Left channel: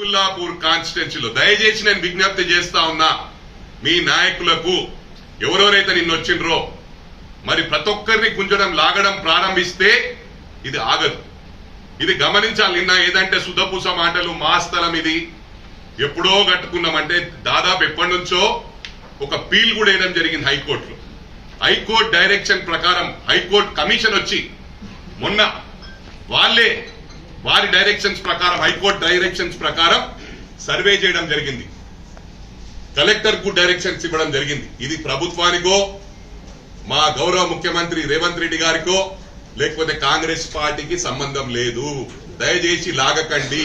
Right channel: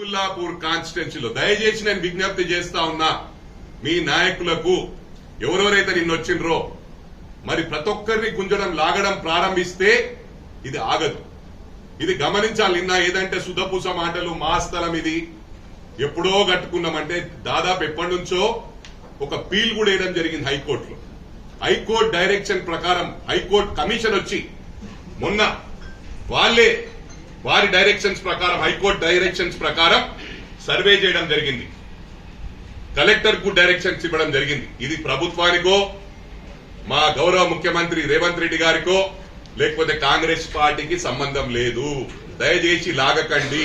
కుల్లాపూర్ కాన్స్టిట్యున్సీలో. దయచేసి నేను విజ్ఞప్తి చేస్తా ఉన్నా మీ నాయకులకు ఎవరెవరైతే నిన్న వచ్చిండ్రో మరి ప్రతి ఒక్కరిని గుంజడం లాగడం ప్రారంభిస్తే ఇది ఆగదు. ఇది గమనించాలి నిన్న ఏదంటే సుధపూస మాటలు మా స్థలం ఇది. ఎప్పుడో కట్టుకున్నామంటే దాదాపు ఎప్పటి నుంచో ఒక పీల్ కూడా వేయడం జరిగింది హైకోర్టులో. హైకోర్టు డైరెక్షన్ ప్రకారం హైకోర్టు కమిషన్ వచ్చి మొన్న వాళ్ళే వారి డైరెక్షన్స్ ప్రకారం హైకోర్టు డైరెక్షన్స్ ప్రకారం సర్వే చేయడం జరిగింది. కలెక్టర్కు డైరెక్షన్స్ ఇవ్వడం జరిగింది. ఇది ప్రభుత్వానికో మా గౌరవ ముఖ్యమంత్రి రేవంత్ రెడ్డి గారికో లేకపోతే కాంగ్రెస్ పార్టీకి సంబంధం లేదు. దయచేసి లాగకండి.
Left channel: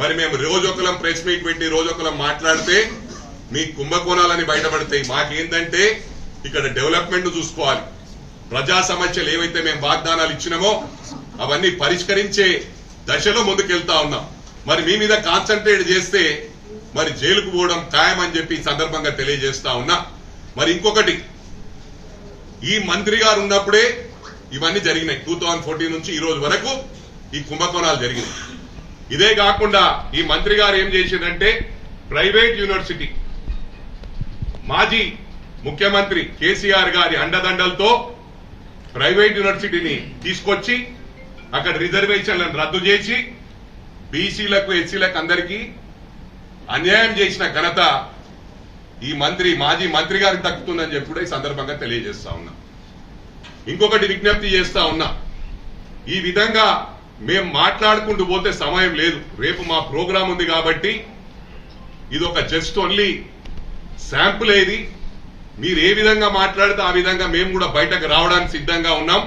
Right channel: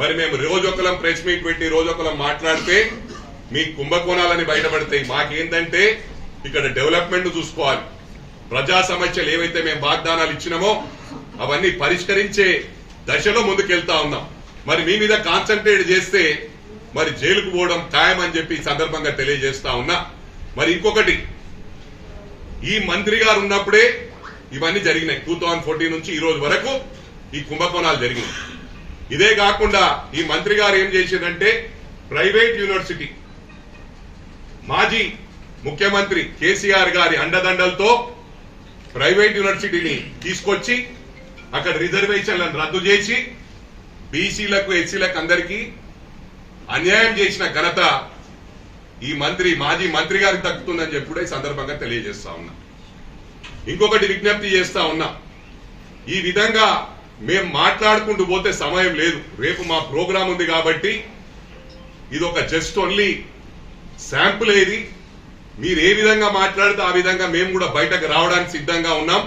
మరి మేము రోజొకలం ప్రెస్ మీట్ పెట్టి రోజొకలం మాట్లాడితే మీ కుంభకోణాలని బయటపడతాయి. మాకేంటంటే ఇక్కడ డెవలప్మెంట్ చూసుకోవాలి. ప్రజా సమస్యలు ఏవైతే మేము వాగ్దానాలు ఇచ్చినామో అవన్నీ పరిష్కరించే దశలో ముందుకెళ్తా ఉన్నాం. మరి మీ మీద కాన్సన్ట్రేట్ చేస్తే మరి జైలుకు పోవడం ఖాయమని చెప్పి సందర్భంగా తెలియజేస్తా ఉన్నా. మరి ఇంకొకటి ఈ మంత్రి గారు ఉన్నప్పుడే ఇవన్నీ జరిగినాయి. టూ థౌజండ్ ఫోర్టీన్ నుంచి ఈ రోజు వరకు ఈ కుంభకోణాలు జరిగినాయి. ఇదే కాకుండా ఈ మంత్రి గారు ఏం చేసిందంటే ప్రైవేట్ యూనివర్సిటీ మాజీ ముఖ్యమంత్రి కేసీఆర్ గారి అండదండలతో ప్రైవేట్ యూనివర్సిటీని తీసుకొచ్చి అక్కడ రిజర్వేషన్లను రద్దు చేసి బీసీలకు ఎస్సీలకు అందరికీ అన్యాయం చేసిన ఘనత ఈ మంత్రి మాజీ మంత్రి గారికి దక్కుతుందని చెప్పి ఈ సందర్భంగా తెలియజేస్తా ఉన్నా. ఇంకొకటి విజ్ఞప్తి చేస్తా ఉన్నా. ఈ విధంగా మేము మాట్లాడుకుంటూ పోతే సమయం లేదు. రేపు మా ప్రోగ్రాం ఉంది కాబట్టి ఇది ఒక జస్ట్ ఓన్లీ శాంపుల్ ఏది? మీరు ఏ విధంగా మాట్లాడితే ఆ విధంగా మేము కూడా బయటకు రావడానికి సిద్ధంగా ఉన్నాం.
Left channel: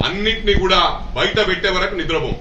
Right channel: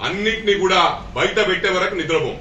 అన్నింటినీ కూడా బయట పెట్టే వరకు నిద్రపోం